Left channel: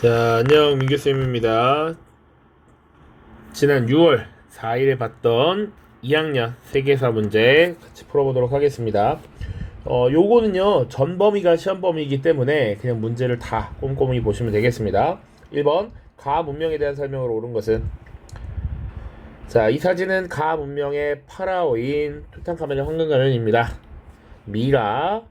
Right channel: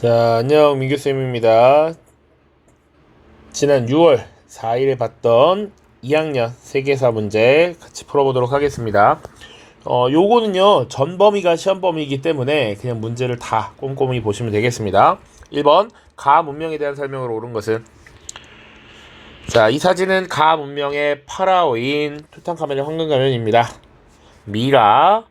자, 안녕, 민규쌤입니다. 지난 6월 4일에 봤던 2학년 세계사 문제 같이 풀어보도록 하겠습니다. 요거는요, 전범위가 시험범위이기 때문에 그냥 문제를 다 꼼꼼히 보시면 되겠습니다. 1번, 가 문명에 대한 설명으로 옳은 것은? 자, 이 사진은 가 문명의 파라오인 투탕카멘의 황금가면입니다. 미라,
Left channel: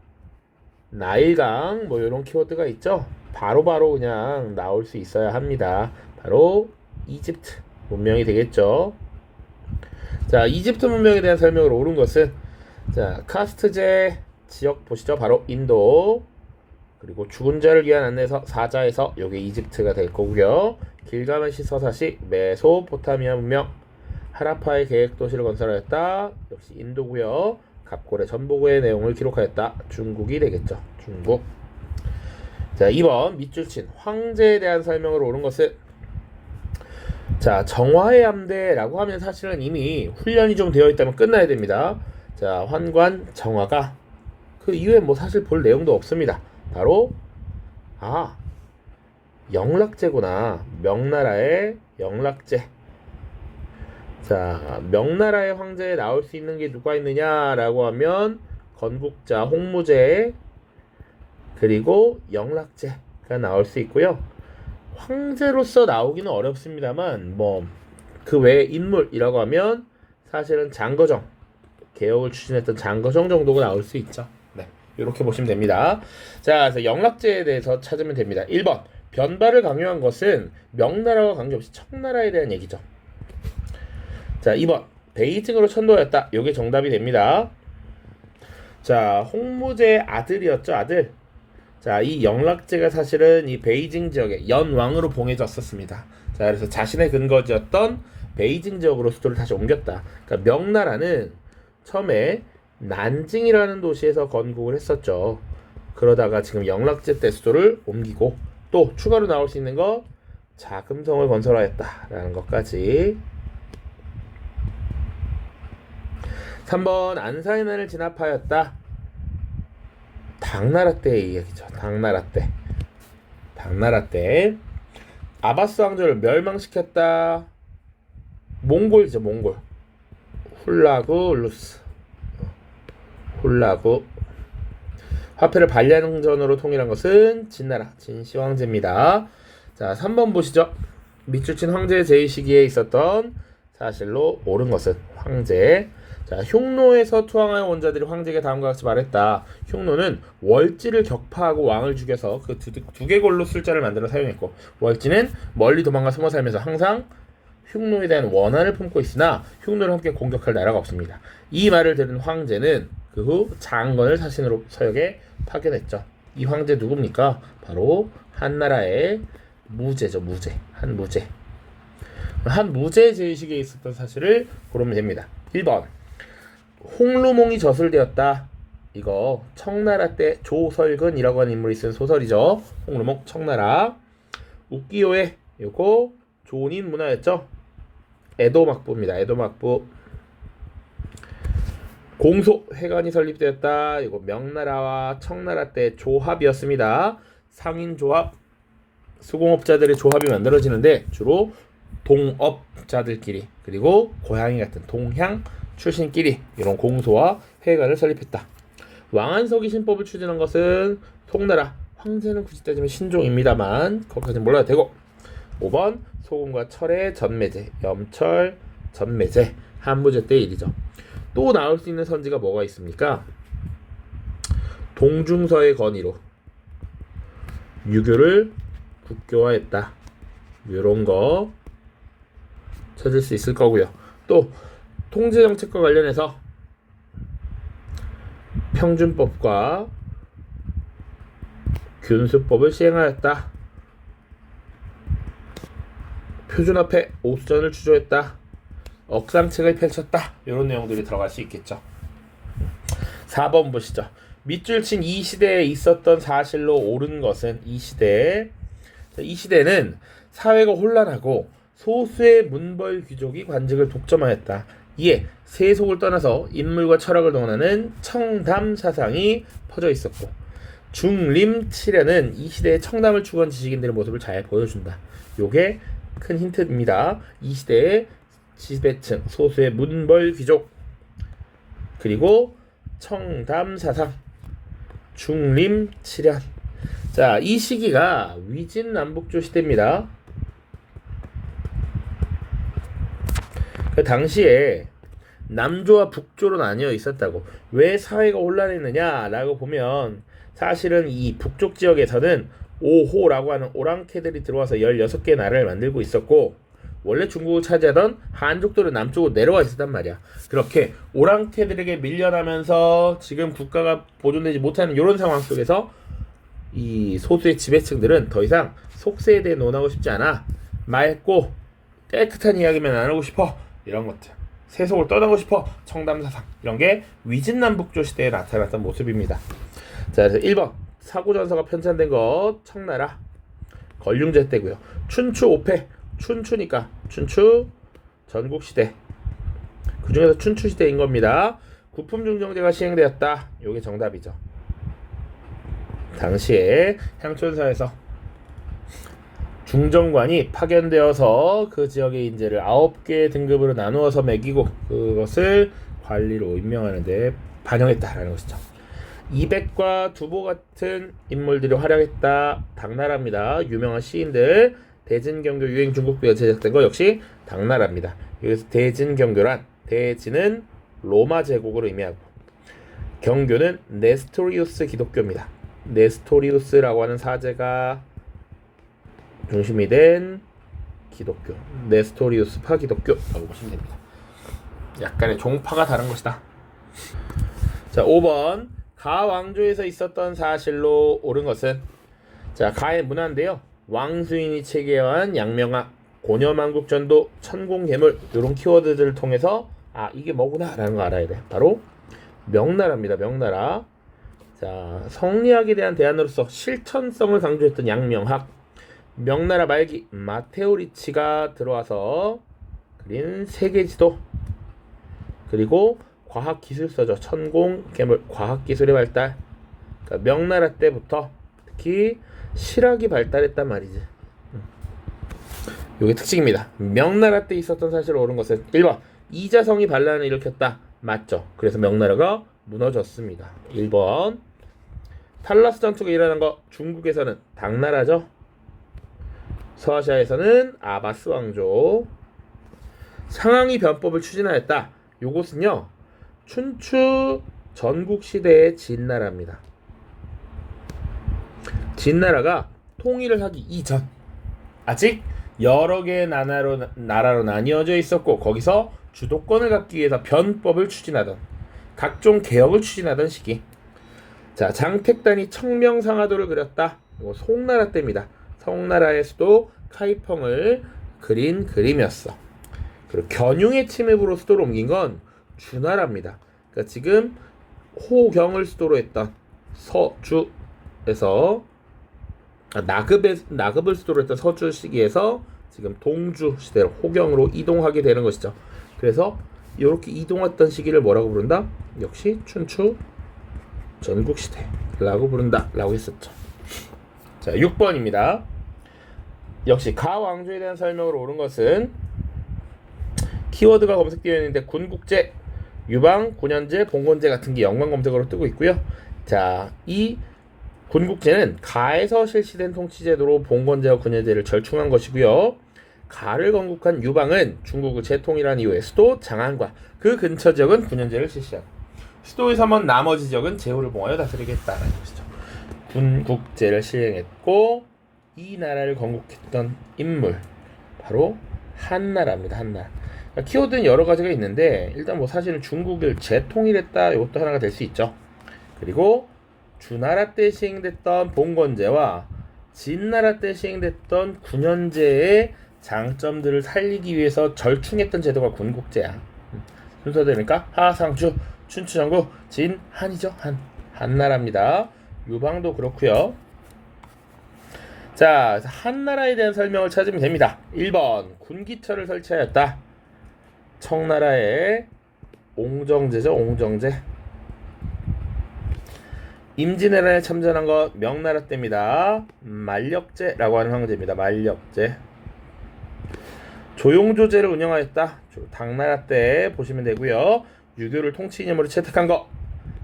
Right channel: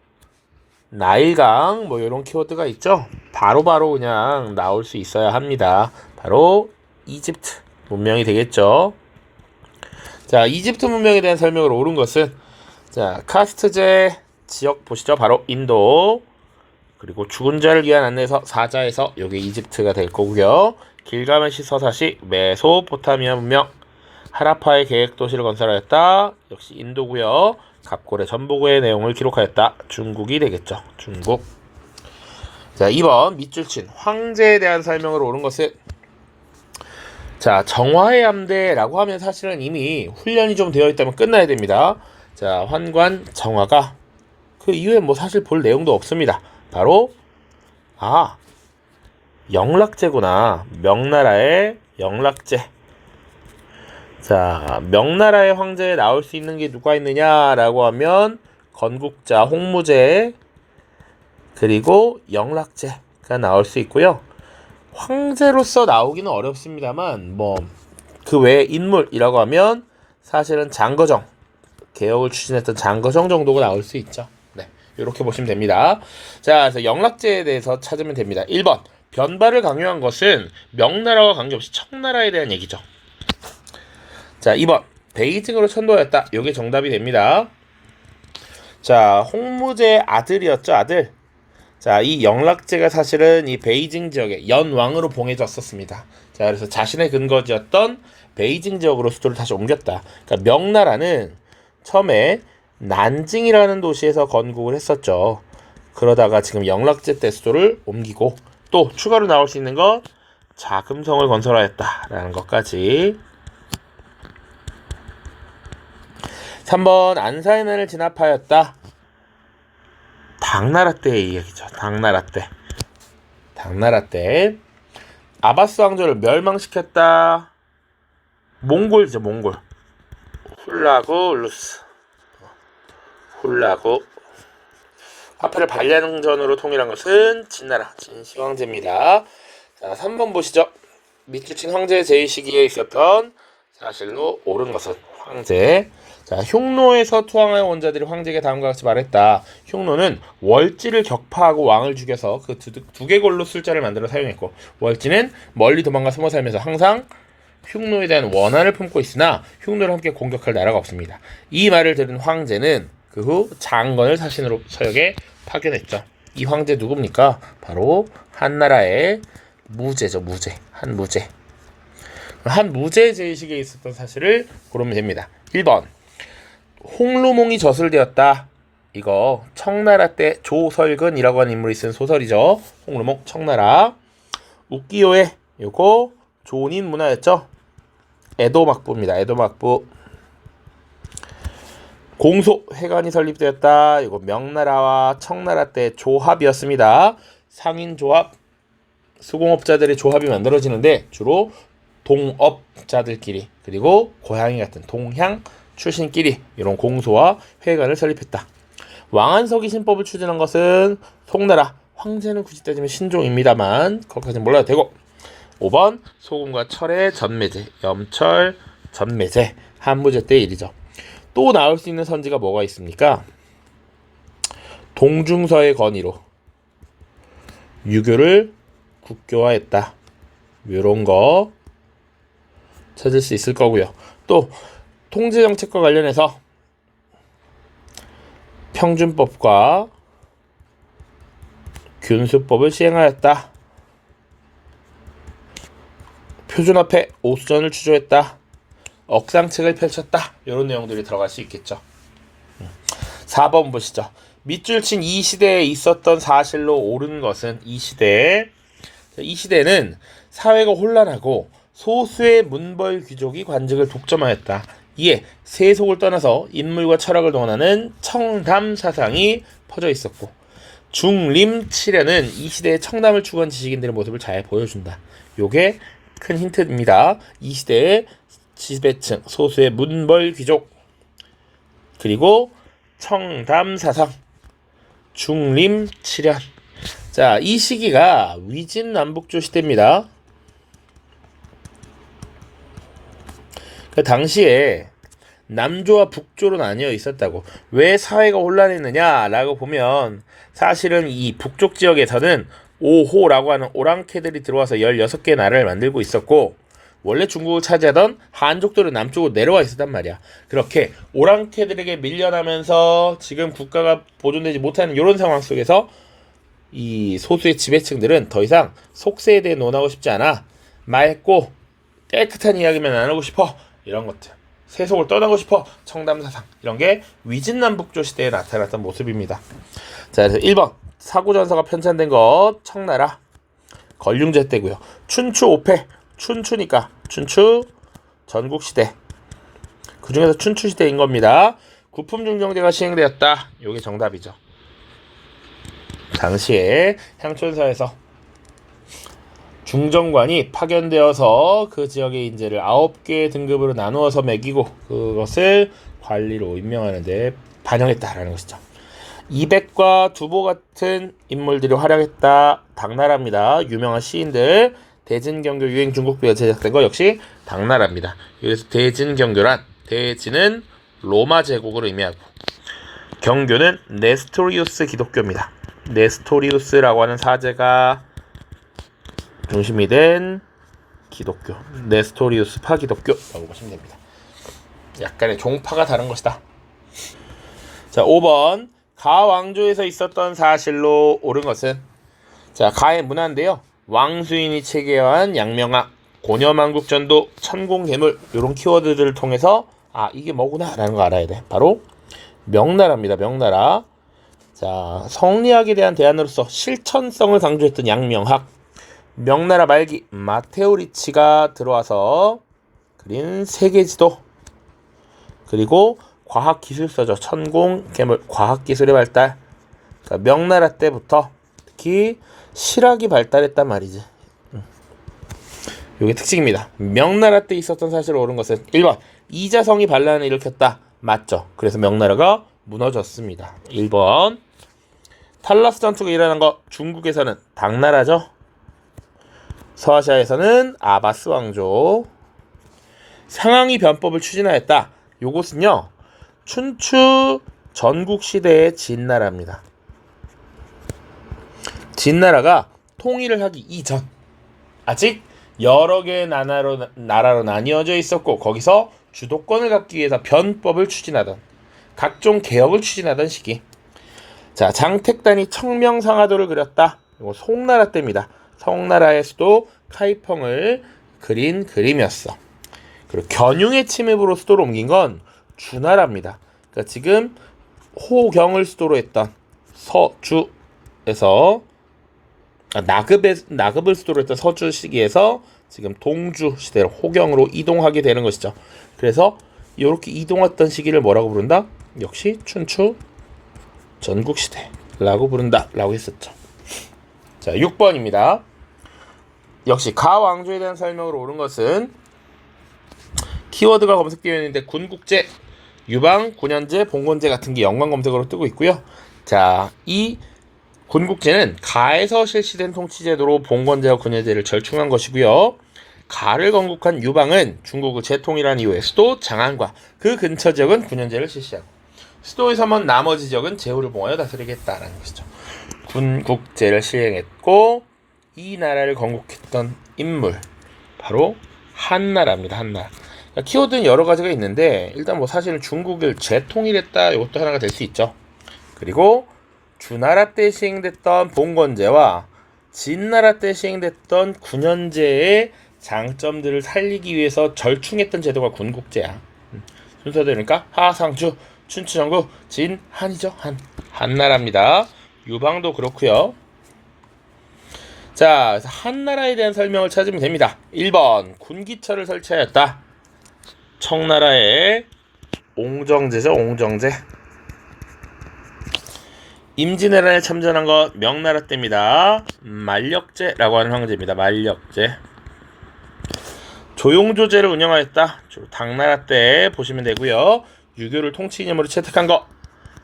나일강, 뭐 이런 키워드가 있죠. 바로 그냥 나올 수 있어야 합니다. 바로 이집트 문명이 되겠죠. 자, 이집트 문명에 대한 설명을 옳은 것은, 자, 카스트제 지역 보시죠. 바로 인도. 그리고 죽은 자를 위한 안내서 사자에서 여기 이집트가 될 거고요. 길가메시 서사시 메소포타미아 문명. 하라파의 계획 도시를 건설하였다. 역시 인도고요. 갑골의 전보고의 내용을 기록하였다. 중국이 되겠죠. 중국. 자, 2번 밑줄 친 황제에 대한 설명을 옳은 것은, 자, 정화의 함대라고 하면 사실은 이미 훈련이 좀 되어 있다면 끝나야 됩니다. 자, 환관 정화가 그 이후에 뭐 사실 볼 내용도 없습니다. 바로 영락제구나. 명나라의 영락제. 자, 명나라의 황제에 나올 수 있는 게 누가 있느냐라고 하면 건국자 홍무제 그리고 영락제가 나올 수 있고요. 황제로서 나오기는 어렵습니다만 뭐 그 외에 인물이라고 하면 사실은 장거정, 개혁을 추진했던 장거정 정도가 나올 수 있죠. 네, 이렇게 보시면 됩니다. 자, 그래서 영락제에 대해서 찾으면 됩니다. 1번, 변발을 강요한 것은 명나라와 관계없이 청나라에 대한 얘기죠. 자, 2번, 베이징으로 천도하였다. 이게 정답이 됩니다. 자, 홍무제의 아들이었죠, 아들. 자, 이 영락제가 사실은 이 베이징 지역에 연왕으로 봉해졌었습니다. 자, 그래서 자신의 근거지였던 베이징 지역으로 수도를 다시 옮겼다. 그러니까 명나라는 처음에 난징이라는 도시에서 건국을 했었죠. 그러다가 지금 영락제 때 수도를 옮기고, 또 추가로 나올 수 있는 건 자금성을 건설하였다라는 것까지. 3번, 안사해난을 진압하였다. 당나라 때의 이야기죠. 당나라 때 아바스 왕조를 멸망시켰다. 몽골이죠. 몽골. 훌라구 울루스. 훌라구. 화폐를 반량전으로 통일한 것은 진나라 진시 황제입니다. 자, 3번 보시죠. 밑줄 친 황제의 제위 시기에 있었던 사실로 옳은 것은 황제. 자, 흉노에서 투항하여 온 자들이 황제에게 다음과 같이 말했다. 흉노는 월지를 격파하고 왕을 죽여서 그 두개골로 술자를 만들어 사용했고, 월지는 멀리 도망가 숨어 살면서 항상 흉노에 대한 원한을 품고 있으나 흉노를 함께 공격할 나라가 없습니다. 이 말을 들은 황제는 그 후 장건을 사신으로 서역에 파견했죠. 이 황제 누굽니까? 바로 한나라의 무제죠. 한무제. 한무제 제의식에 있었던 사실을 고르면 됩니다. 1번, 홍루몽이 저술되었다. 이거 청나라 때 조설근이라고 하는 인물이 쓴 소설이죠. 홍루몽 청나라. 우키요에 요거 조인 문화였죠. 에도막부입니다. 에도막부. 공소회관이 설립되었다. 이거 명나라와 청나라 때 조합이었습니다. 상인조합, 수공업자들의 조합이 만들어지는데 주로 동업자들끼리 그리고 고향이 같은 동향 출신끼리 이런 공소와 회관을 설립했다. 왕안석이 신법을 추진한 것은 송나라. 황제는 굳이 따지면 신종입니다만 거기까지는 몰라도 되고. 5번, 소금과 철의 전매제, 염철 전매제, 한무제 때 일이죠. 또 나올 수 있는 선지가 뭐가 있습니까? 동중서의 건의로 유교를 국교화했다. 이런 거 찾을 수 있을 거고요. 또 통제정책과 관련해서 평준법과 균수법을 시행하였다. 표준화폐 오수전을 추조했다. 억상책을 펼쳤다. 이런 내용들이 들어갈 수 있겠죠. 4번 보시죠. 밑줄 친 이 시대에 있었던 사실로 옳은 것은 이 시대는 사회가 혼란하고 소수의 문벌 귀족이 관직을 독점하였다. 이에 세속을 떠나서 인물과 철학을 동원하는 청담 사상이 퍼져 있었고, 중림 칠현은 이 시대의 청남을 추구한 지식인들의 모습을 잘 보여준다. 요게 큰 힌트입니다. 이 시대의 지배층, 소수의 문벌 귀족, 그리고 청담 사상, 중림 칠현. 자, 이 시기가 위진남북조 시대입니다. 그 당시에 남조와 북조로 나뉘어 있었다고. 왜 사회가 혼란했느냐라고 보면 사실은 이 북쪽 지역에서는 오호라고 하는 오랑캐들이 들어와서 16개 나라를 만들고 있었고, 원래 중국을 차지하던 한족들은 남쪽으로 내려와 있었단 말이야. 그렇게 오랑캐들에게 밀려나면서 지금 국가가 보존되지 못하는 이런 상황 속에서 이 소수의 지배층들은 더 이상 속세에 대해 논하고 싶지 않아. 맑고 깨끗한 이야기만 나누고 싶어. 이런 것들. 세속을 떠나고 싶어. 청담사상. 이런 게 위진남북조 시대에 나타났던 모습입니다. 자, 그래서 1번 사고전서가 편찬된 것 청나라 걸륭제 때고요. 춘추 5패. 춘추니까 춘추 전국시대. 그 중에서 춘추시대인 겁니다. 구품중정제가 시행되었다. 요게 정답이죠. 당시에 향촌사에서 중정관이 파견되어서 그 지역의 인재를 9개의 등급으로 나누어서 매기고 그것을 관리로 임명하는데 반영했다라는 것이죠. 이백과 두보 같은 인물들이 활약했다. 당나라입니다. 유명한 시인들. 대진경교 유행 중국비가 제작된 거 역시 당나라입니다. 그래서 대진경교란, 대진은 로마 제국을 의미하고 경교는 네스토리우스 기독교입니다. 네스토리우스라고 하는 사제가 중심이 된 기독교, 네스토리우스파 기독교라고 보시면 됩니다. 약간의 종파가 다른 것이다. 자, 5번 가왕조에서 있었던 사실로 옳은 것은, 자, 가의 문화인데요. 왕수인이 체계한 양명학, 고려만국전도, 천공괴물 이런 키워드들을 통해서 이게 뭐구나 라는 거 알아야 돼. 바로 명나라입니다. 명나라. 자, 성리학에 대한 대안으로서 실천성을 강조했던 양명학. 명나라 말기 마테오 리치가 들어와서 그린 세계지도, 그리고 과학기술서죠. 천공괴물, 과학기술의 발달. 그러니까 명나라 때부터 특히 실학이 발달했단 말이지. 이게 특징입니다. 명나라 때 있었던 사실로 옳은 것은 1번 이자성이 반란을 일으켰다. 맞죠. 그래서 명나라가 무너졌습니다. 1번 탈라스 전투가 일어난 거 중국에서는 당나라죠. 서아시아에서는 아바스 왕조. 상황이 변법을 추진하였다. 요것은요 춘추 전국시대의 진나라입니다. 진나라가 통일을 하기 이전 아직 여러 개의 나라로 나뉘어져 있었고, 거기서 주도권을 갖기 위해서 변법을 추진하던, 각종 개혁을 추진하던 시기. 자, 장택단이 청명상하도를 그렸다. 이거 송나라 때입니다. 송나라의 수도 카이펑을 그린 그림이었어. 그리고 견융의 침입으로 수도를 옮긴 건 주나라입니다. 그러니까 지금 호경을 수도로 했던 서주에서 나급을 수도로 했던 서주 시기에서 지금 동주 시대로 호경으로 이동하게 되는 것이죠. 그래서 이렇게 이동했던 시기를 뭐라고 부른다? 역시 춘추 전국시대라고 부른다 라고 했었죠. 자, 6번입니다. 역시 가왕조에 대한 설명으로 옳은 것은 키워드가 검색되어 있는데 군국제, 유방, 군현제, 봉건제 같은 게 연관 검색어로 뜨고 있고요. 자, 이 군국제는 가에서 실시된 통치제도로 봉건제와 군현제를 절충한 것이고요. 가를 건국한 유방은 중국을 재통일한 이후에 수도 장안과 그 근처 지역은 군현제를 실시하고 수도에서 먼 나머지 지역은 제후를 봉하여 다스리겠다라는 것이죠. 군국제를 시행했고 이 나라를 건국했던 인물 바로 한나라입니다. 한나라. 키워드는 여러 가지가 있는데 일단 뭐 사실은 중국을 재통일했다 이것도 하나가 될 수 있죠. 그리고 주나라 때 시행됐던 봉건제와 진나라 때 시행됐던 군현제의 장점들을 살리기 위해서 절충했던 제도가 군국제야. 순서대로니까 하상주, 춘추전국, 진, 한이죠. 한나라입니다. 유방도 그렇고요. 자, 한나라에 대한 설명을 찾으면 됩니다. 1번 군기처를 설치하였다. 청나라의 옹정제죠. 옹정제. 임진왜란에 참전한 것 명나라 때입니다. 만력제라고 하는 황제입니다. 만력제. 조용조제를 운영하였다. 주로 당나라 때 보시면 되고요. 유교를 통치 이념으로 채택한 거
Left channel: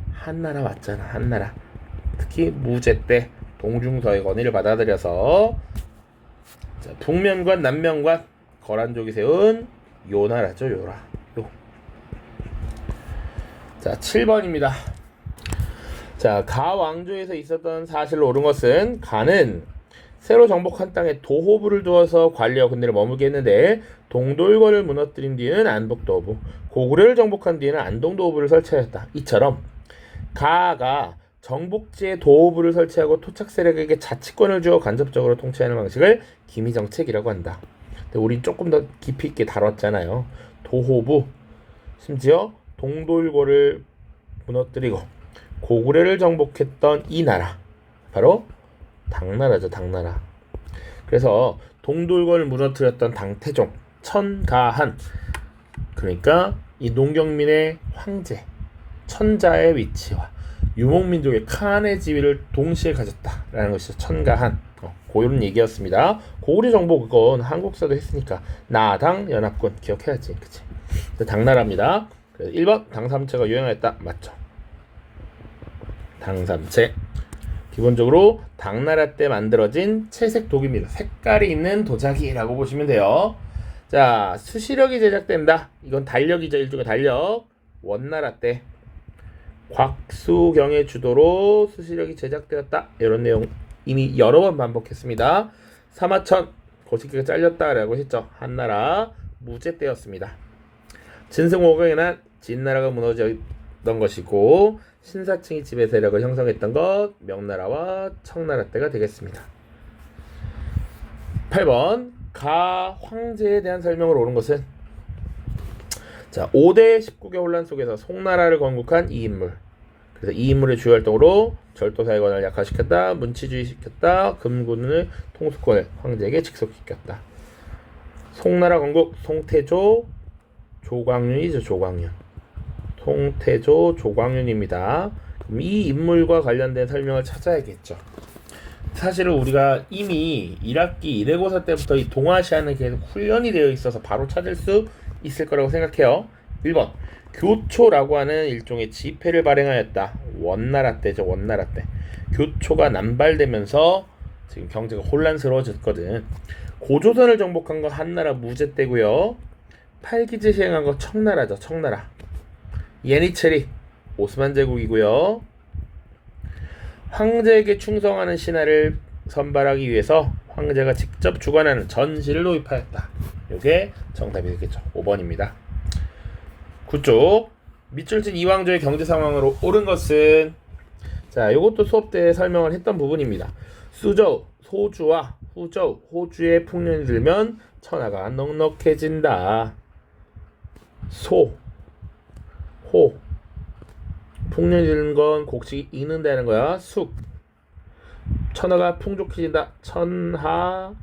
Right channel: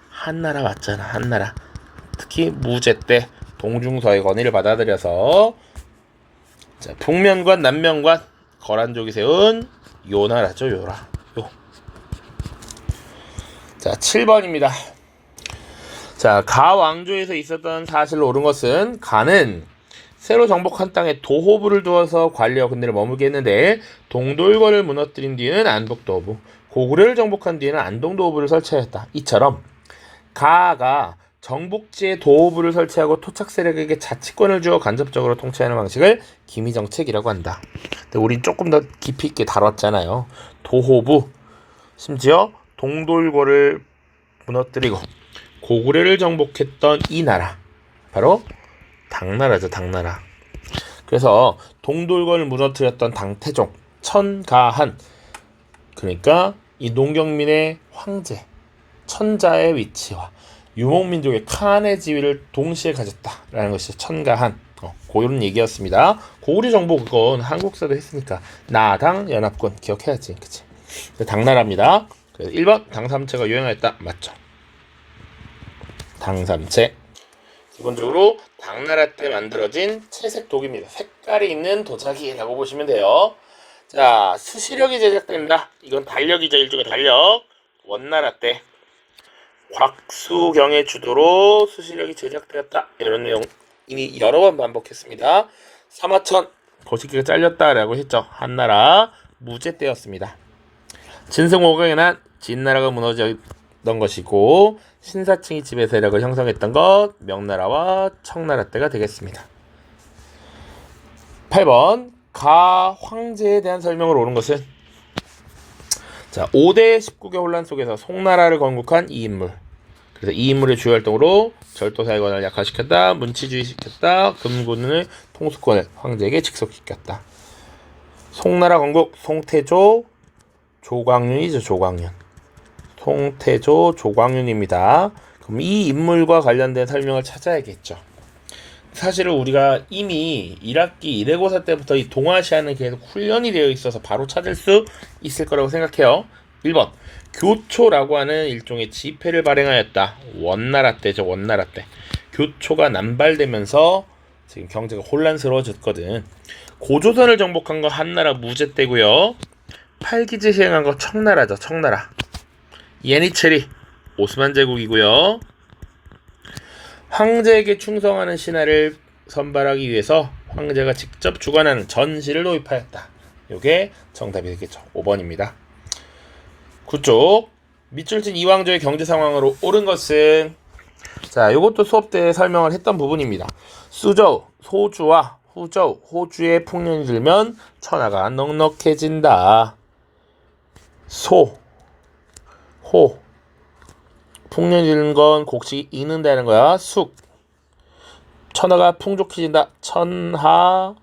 한나라 맞잖아. 한나라. 특히 무제 때 동중서의 건의를 받아들여서 자, 북면관 남면관 거란족이 세운 요나라죠. 요라. 요. 자, 7번입니다. 자, 가 왕조에서 있었던 사실로 옳은 것은 가는 새로 정복한 땅에 도호부를 두어서 관리와 군대를 머물게 했는데 동돌거를 무너뜨린 뒤에는 안독도호부, 고구려를 정복한 뒤에는 안동도호부를 설치하였다. 이처럼 가가 정복지에 도호부를 설치하고 토착 세력에게 자치권을 주어 간접적으로 통치하는 방식을 기미정책이라고 한다. 근데 우린 조금 더 깊이 있게 다뤘잖아요. 도호부, 심지어 동돌거를 무너뜨리고 고구려를 정복했던 이 나라 바로 당나라죠. 당나라. 그래서 동돌거를 무너뜨렸던 당태종 천가한, 그러니까 이 농경민의 황제 천자의 위치와 유목민족의 칸의 지위를 동시에 가졌다라는 것이 천가한. 그런 얘기였습니다. 고구려 정복 그건 한국사도 했으니까 나당 연합군 기억해야지. 그치? 당나라입니다. 1번 당삼채가 유행하였다. 맞죠? 당삼채 기본적으로 당나라 때 만들어진 채색 독입니다. 색깔이 있는 도자기라고 보시면 돼요. 자, 수시력이 제작됩니다. 이건 달력이죠. 일종의 달력. 원나라 때 곽수경의 주도로 수시력이 제작되었다. 이런 내용 이미 여러 번 반복했습니다. 사마천 거시기가 잘렸다라고 했죠. 한나라 무제 때였습니다. 진승오강에 난 진나라가 무너졌던 것이고 신사층이 지배 세력을 형성했던 것 명나라와 청나라 때가 되겠습니다. 8번 가 황제에 대한 설명을 옳은 것은 자 5대 19개 혼란 속에서 송나라를 건국한 이 인물. 그래서 이 인물의 주요 활동으로 절도사의 권한을 약화시켰다. 문치주의시켰다. 금군의 통수권을 황제에게 직속시켰다. 송나라 건국 송태조 조광윤이죠. 조광윤. 송태조 조광윤입니다. 그럼 이 인물과 관련된 설명을 찾아야겠죠. 사실은 우리가 이미 1학기 1회고사 때부터 이 동아시아는 계속 훈련이 되어 있어서 바로 찾을 수 있을 거라고 생각해요. 1번 교초라고 하는 일종의 지폐를 발행하였다. 원나라 때죠. 원나라 때 교초가 남발되면서 지금 경제가 혼란스러워졌거든. 고조선을 정복한 거 한나라 무제 때고요. 팔기제 시행한 거 청나라죠. 청나라. 예니체리 오스만 제국이고요. 황제에게 충성하는 신하를 선발하기 위해서 황제가 직접 주관하는 전시를 도입하였다. 이게 정답이 되겠죠. 5번입니다. 9쪽 밑줄진 이왕조의 경제 상황으로 옳은 것은 자, 이것도 수업 때 설명을 했던 부분입니다. 수저우, 소주와 후저우, 호주에 풍년이 들면 천하가 넉넉해진다. 호 풍년이 드는 건 곡식이 익는다는 거야. 숙 천하가 풍족해진다. 천하족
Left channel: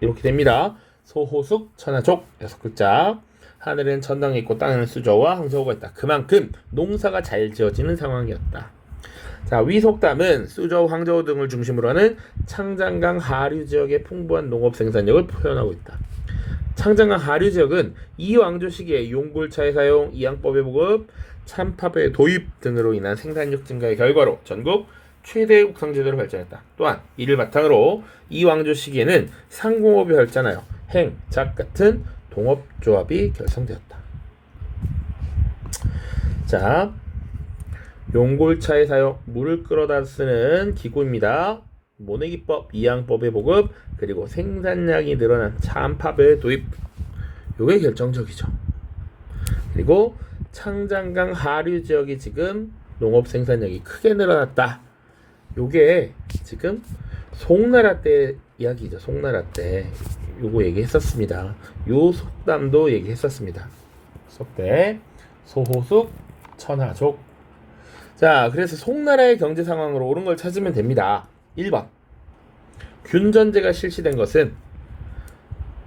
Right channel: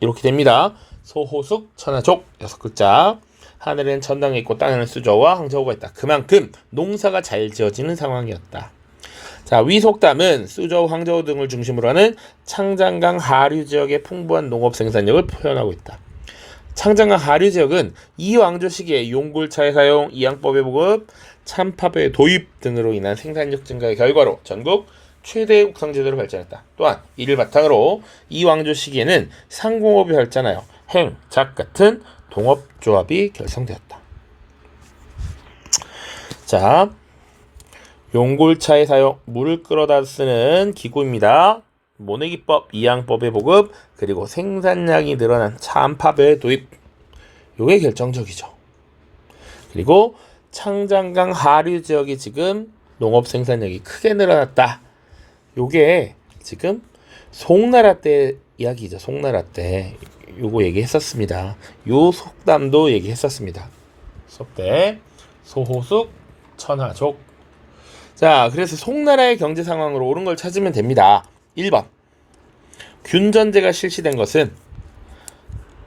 이렇게 됩니다. 소호숙 천하족 6글자. 하늘에는 천당이 있고 땅에는 수저와 황저우가 있다. 그만큼 농사가 잘 지어지는 상황이었다. 자, 위속담은 수저우, 황저우 등을 중심으로 하는 창장강 하류 지역의 풍부한 농업 생산력을 표현하고 있다. 창장강 하류 지역은 이 왕조 시기에 용굴차의 사용, 이양법의 보급, 참팝의 도입 등으로 인한 생산력 증가의 결과로 전국 최대의 국상제도를 발전했다. 또한 이를 바탕으로 이 왕조 시기에는 상공업이 발전하여 행, 작 같은 동업조합이 결성되었다. 자, 용골차의 사용, 물을 끌어다 쓰는 기구입니다. 모내기법, 이양법의 보급, 그리고 생산량이 늘어난 참팝의 도입. 요게 결정적이죠. 그리고 창장강 하류 지역이 지금 농업 생산량이 크게 늘어났다. 요게 지금 송나라 때 이야기죠. 송나라 때 요거 얘기했었습니다. 요 속담도 얘기했었습니다. 수업 때 소호숙 천하족. 자, 그래서 송나라의 경제 상황으로 옳은 걸 찾으면 됩니다. 1번 균전제가 실시된 것은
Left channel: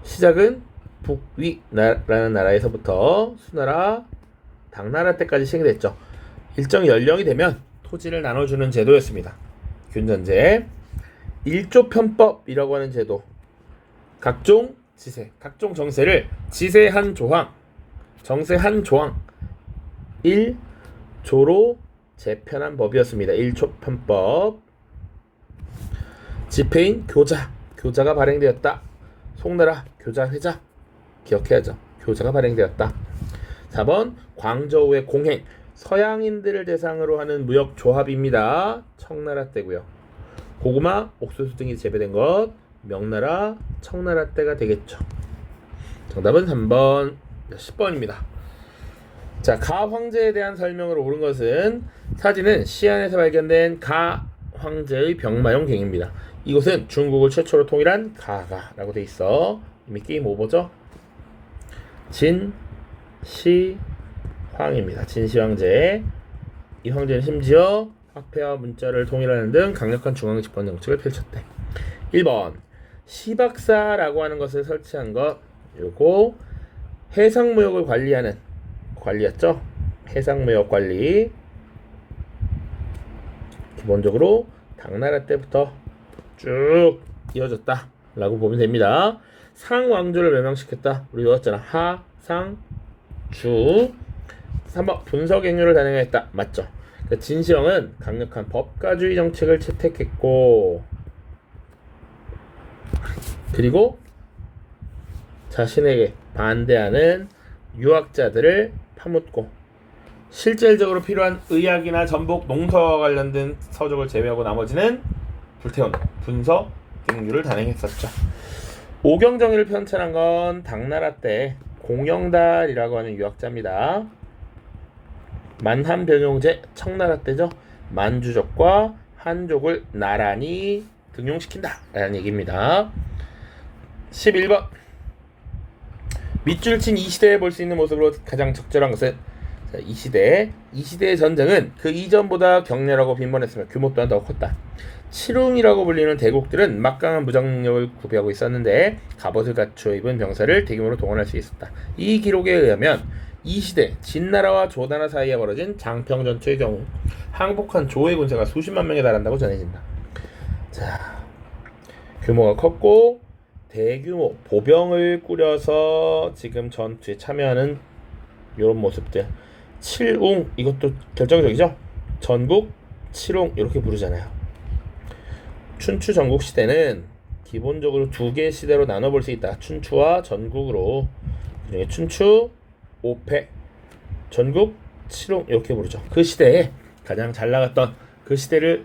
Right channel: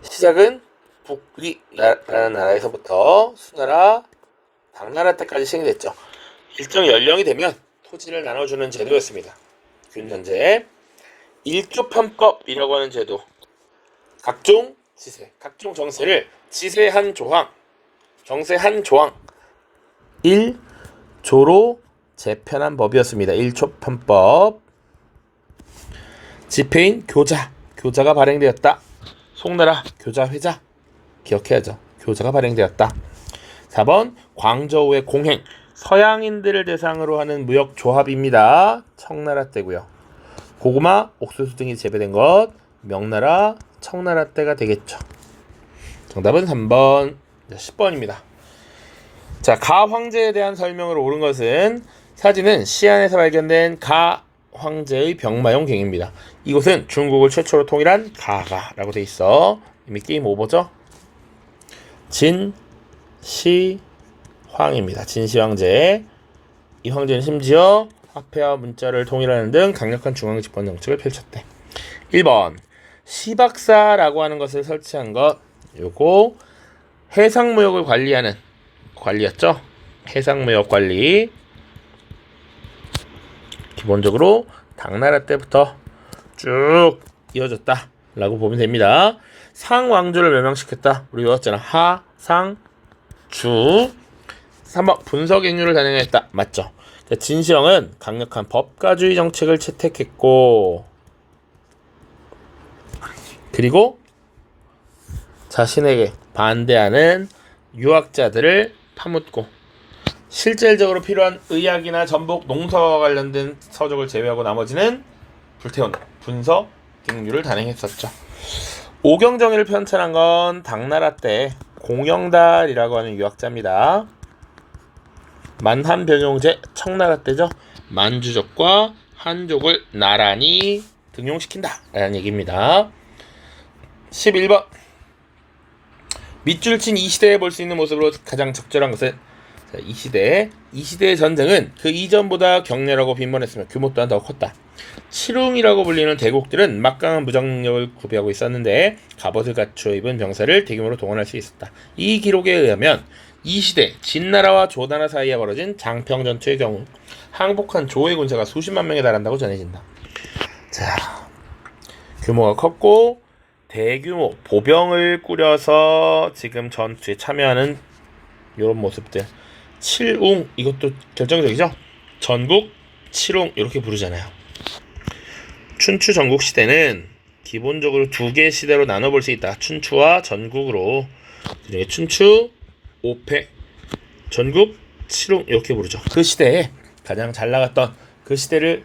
시작은 북위라는 나라에서부터 수나라, 당나라 때까지 시행됐죠. 일정 연령이 되면 토지를 나눠주는 제도였습니다. 균전제. 일조편법이라고 하는 제도. 각종 지세, 각종 정세를 지세 한 조항, 정세 한 조항 1조로 재편한 법이었습니다. 일조편법. 집회인 교자, 교자가 발행되었다. 송나라 교자회자, 기억해야죠. 교자가 발행되었다. 4번 광저우의 공행, 서양인들을 대상으로 하는 무역조합입니다. 청나라 때고요. 고구마, 옥수수 등이 재배된 것, 명나라, 청나라 때가 되겠죠. 정답은 3번, 10번입니다. 자, 가 황제에 대한 설명으로 옳은 것은 사진은 시안에서 발견된 가 황제의 병마용 갱입니다. 이곳은 중국을 최초로 통일한 가가라고 돼 있어. 이미 게임 오버죠? 진시황입니다. 진시황제. 이 황제는 심지어 화폐와 문자를 통일하는 등 강력한 중앙 집권 정책을 펼쳤대. 1번 시박사라고 하는 것을 설치한 것, 요거 해상무역을 관리하는 관리였죠. 해상무역 관리. 기본적으로 당나라 때부터 쭉 이어졌다 라고 보면 됩니다. 상왕조를 멸망시켰다. 우리 외웠잖아. 하, 상, 주. 3번 분서갱유를 단행했다. 맞죠? 진시황은 강력한 법가주의 정책을 채택했고, 그리고 자신에게 반대하는 유학자들을 파묻고, 실질적으로 필요한 의학이나 전복, 농사와 관련된 서적을 제외하고 나머지는 불태운 분서갱유를 단행했었죠. 오경정의를 편찬한 건 당나라 때 공영달이라고 하는 유학자입니다. 만한변용제, 청나라 때죠. 만주족과 한족을 나란히 등용시킨다 라는 얘기입니다. 11번 밑줄 친 이 시대에 볼 수 있는 모습으로 가장 적절한 것은, 이 시대의 전쟁은 그 이전보다 격렬하고 빈번했으며 규모 또한 더 컸다. 칠웅이라고 불리는 대국들은 막강한 무장력을 구비하고 있었는데 갑옷을 갖추어 입은 병사를 대규모로 동원할 수 있었다. 이 기록에 의하면 이 시대 진나라와 조나라 사이에 벌어진 장평전투의 경우 항복한 조의 군사가 수십만 명에 달한다고 전해진다. 자, 규모가 컸고 대규모 보병을 꾸려서 지금 전투에 참여하는 이런 모습들. 칠웅, 이것도 결정적이죠. 전국 칠웅 이렇게 부르잖아요. 춘추 전국 시대는 기본적으로 두 개의 시대로 나눠볼 수 있다. 춘추와 전국으로. 춘추 5패, 전국 칠웅 이렇게 부르죠. 그 시대에 가장 잘 나갔던, 그 시대를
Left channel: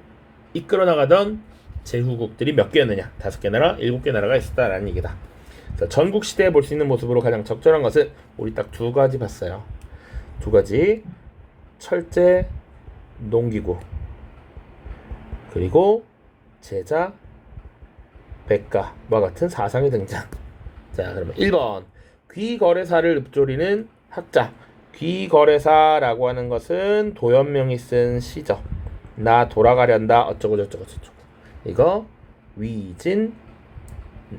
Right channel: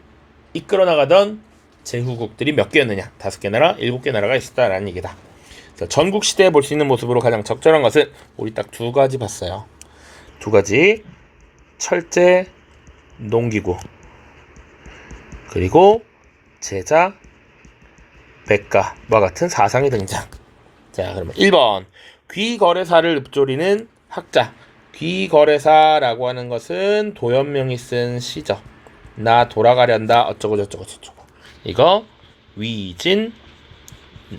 이끌어 나가던 제후국들이 몇 개였느냐? 5개 나라, 7개 나라가 있었다라는 얘기다. 전국 시대에 볼 수 있는 모습으로 가장 적절한 것은 우리 딱 두 가지 봤어요. 두 가지. 철제, 농기구, 그리고 제자, 백가와 같은 사상의 등장. 자, 그러면 1번 귀거래사를 읊조리는 학자. 귀거래사라고 하는 것은 도연명이 쓴 시죠. 나 돌아가련다 어쩌고 저쩌고 저쩌고. 이거 위진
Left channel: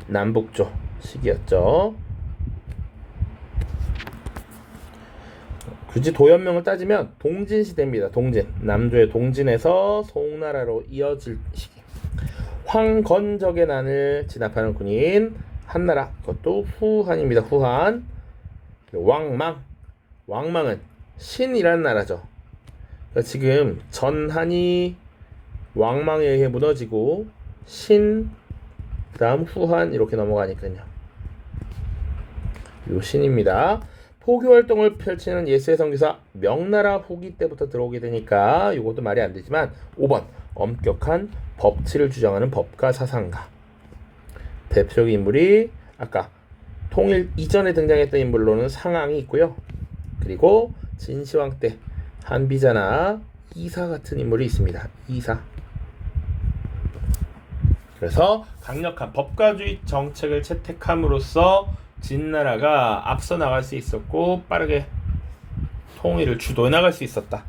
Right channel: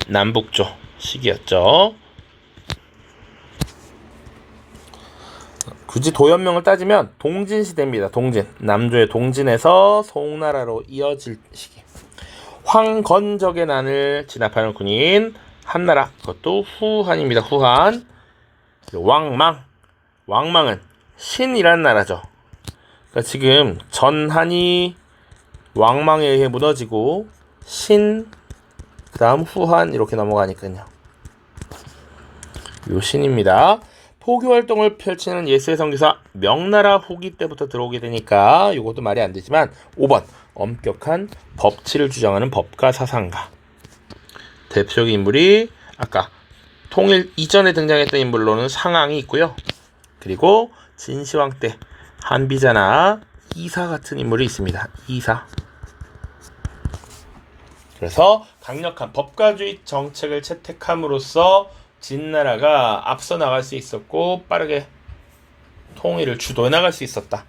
남북조 시기였죠. 굳이 도연명을 따지면 동진시대입니다. 동진. 남조의 동진에서 송나라로 이어질 시기. 황건적의 난을 진압하는 군인 한나라. 그것도 후한입니다. 후한. 왕망. 왕망은 신이라는 나라죠. 그러니까 지금 전한이 왕망에 의해 무너지고 신, 그 다음 후한 이렇게 넘어가니까요. 요 신입니다. 포교활동을 펼치는 예수의 선교사 명나라 후기 때부터 들어오게 되니까 이것도 말이 안 되지만 5번 엄격한 법치를 주장하는 법가 사상가. 대표적인 인물이 아까 통일 이전에 등장했던 인물로는 상황이 있고요. 그리고 진시황 때 한비자나 이사 같은 인물이 있습니다. 이사. 그래서 강력한 법가주의 정책을 채택함으로써 진나라가 앞서 나갈 수 있었고 빠르게 통일을 주도해 나갈 수 있었다.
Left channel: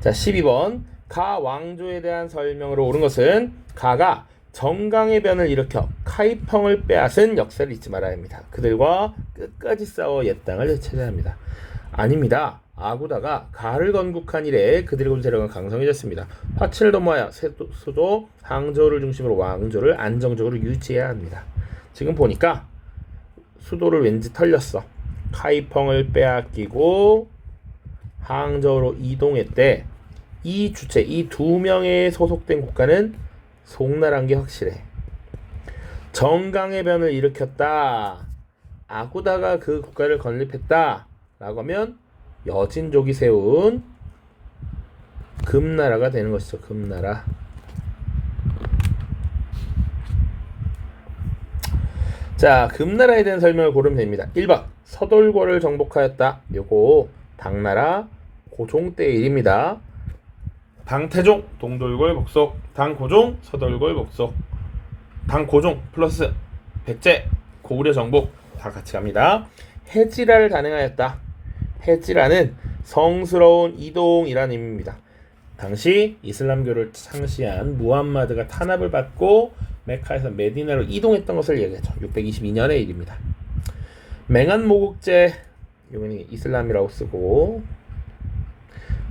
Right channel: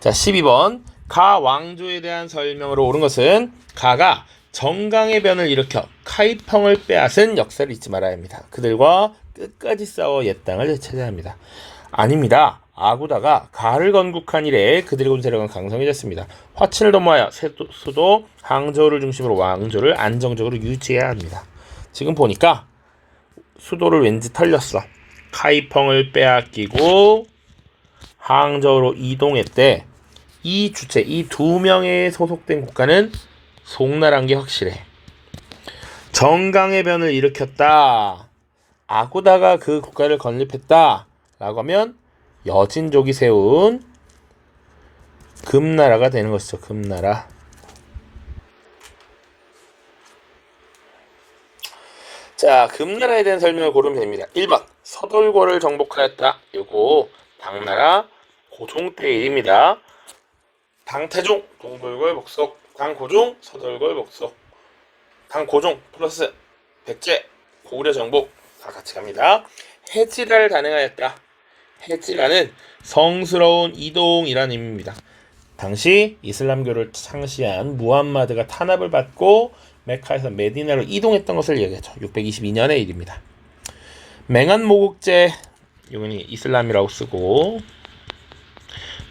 자, 12번 가 왕조에 대한 설명으로 옳은 것은 가가 정강의 변을 일으켜 카이펑을 빼앗은 역사를 잊지 말아야 합니다. 그들과 끝까지 싸워 옛 땅을 되찾아야 합니다. 아닙니다. 아구다가 가를 건국한 이래 그들의 군 세력은 강성해졌습니다. 화친을 도모하여 수도 항저우를 중심으로 왕조를 안정적으로 유지해야 합니다. 지금 보니까 수도를 왠지 털렸어. 카이펑을 빼앗기고 항저우로 이동했대. 이 주체, 이 두 명의 소속된 국가는 송나라인 게 확실해. 정강의 변을 일으켰다. 아구다가 그 국가를 건립했다. 라고 하면 여진족이 세운 금나라가 되는 것이죠. 금나라. 자, 금나라에 대한 설명을 고르면 됩니다. 1번 서돌고를 정복하였다. 요거 당나라 고종 때의 일입니다. 당태종 동돌골 복속, 당고종 서돌골 복속, 당고종 플러스 백제 고구려 정복 다 같이 갑니다. 해지라를 단행하였다. 해지라는 성스러운 이동이라는 의미입니다. 당시 이슬람교를 창시한 무함마드가 탄압을 받고 메카에서 메디나로 이동했던 것을 얘기하죠. 622년의 일입니다. 맹한 모국제, 이건 이슬람이라고 쓰고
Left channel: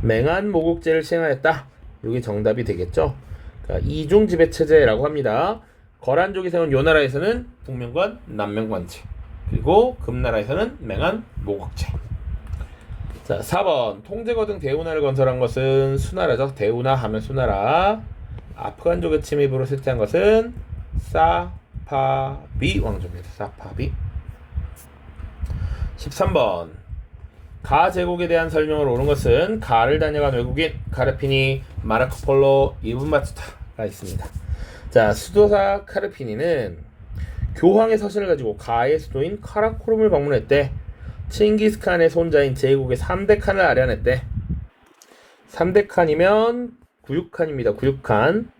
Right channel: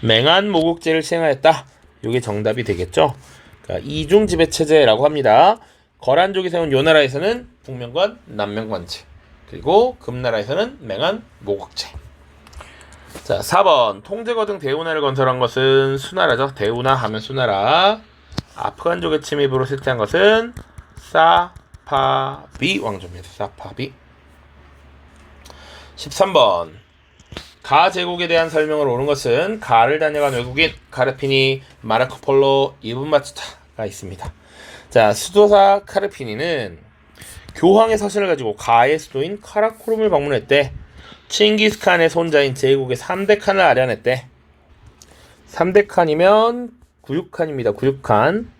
맹한 모국제를 시행하였다. 이게 정답이 되겠죠. 그러니까 이중 지배 체제라고 합니다. 거란족이 세운 요 나라에서는 북명관, 남명관제, 그리고 금나라에서는 맹한 모국제. 자, 4번 통제거 등 대우나를 건설한 것은 수나라죠. 대우나 하면 수나라. 아프간족의 침입으로 쇠퇴한 것은 사파비 왕조입니다. 사파비. 13번 가 제국에 대한 설명을 옳은 것은 가를 다녀간 외국인 카르피니, 마르코폴로, 이븐 바투타가 있습니다. 자, 수도사 카르피니는 교황의 서신을 가지고 가의 수도인 카라코름을 방문했대. 칭기스칸의 손자인 제국의 3대 칸을 아련했대. 3대 칸이면 구육칸입니다. 구육칸.